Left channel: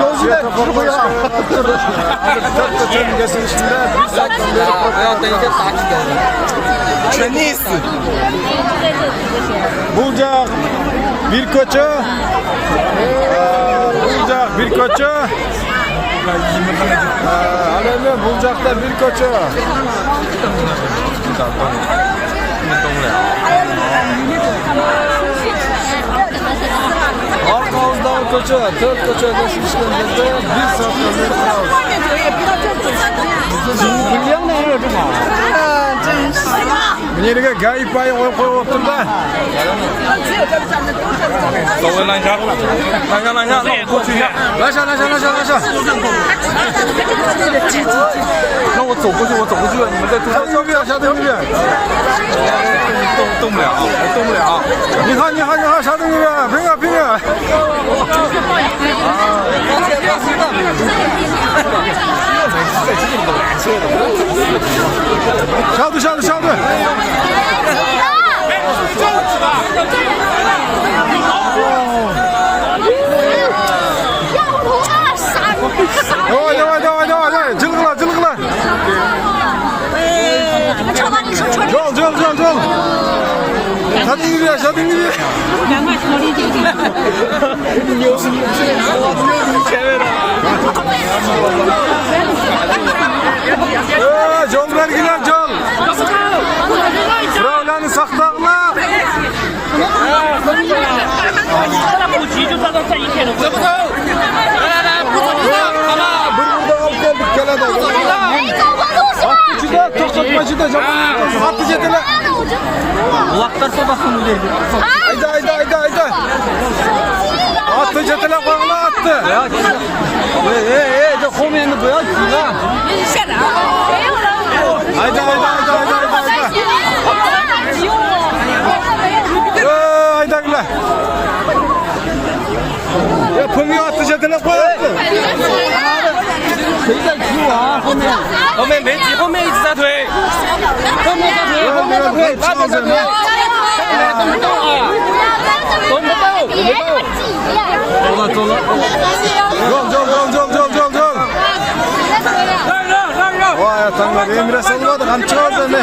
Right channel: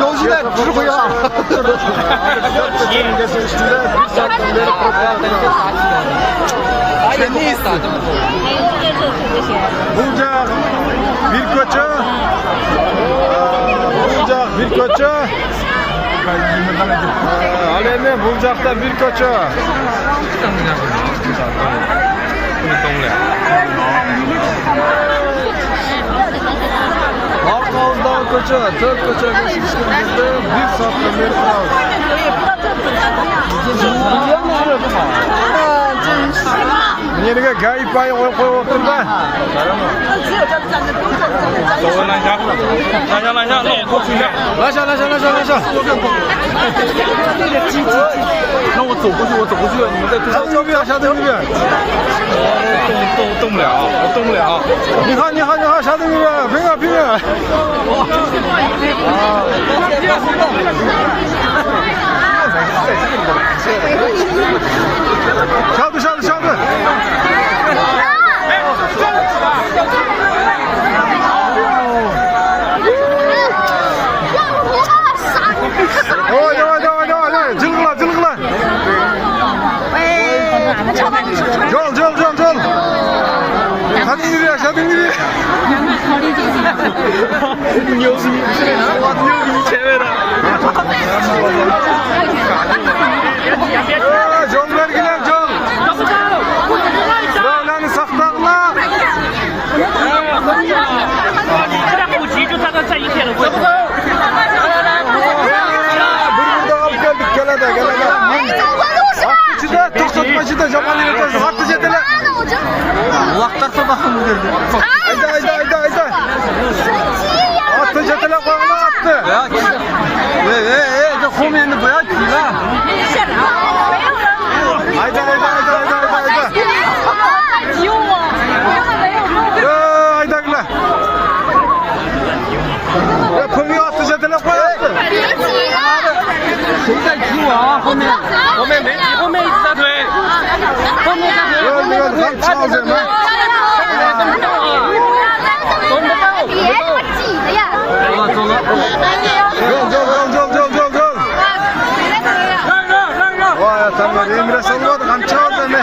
Yolcular durmuyor. Bucak bir koça. Bucak bir koça. Alemi bucakta bir koça. Arkamızdan koça, 4 koça geçmişken de 1 saatten beri kırıyoruz. Bu yerine gayip ayı koyup otur da. Laşa. 那我走过去，你们在路上。下等一遍。动不了，我动不了。你好，下等一遍，平啊。小队。давай, cılgıla. Jol. Hadi yürü. Jol vergiler jol. Sıralarını saklanma. Burada alıp geldik gel. Atlıcıda, tokatmacıda, Japonlu yapıyorsun. Atlıcıda. Kulaklarsa bakın bu derdi. Hayda. Attı çetele koyana attı. De komeyanı bu ya. Hayda. Hayda gülü. Ya pömüğü attı çetele koy attı. 谁在踢我啊？后面没挤，后面一直在推。那个很吵什么？走了。Jol. Vay tanrım, Emre salmadı, hem çaldı mı?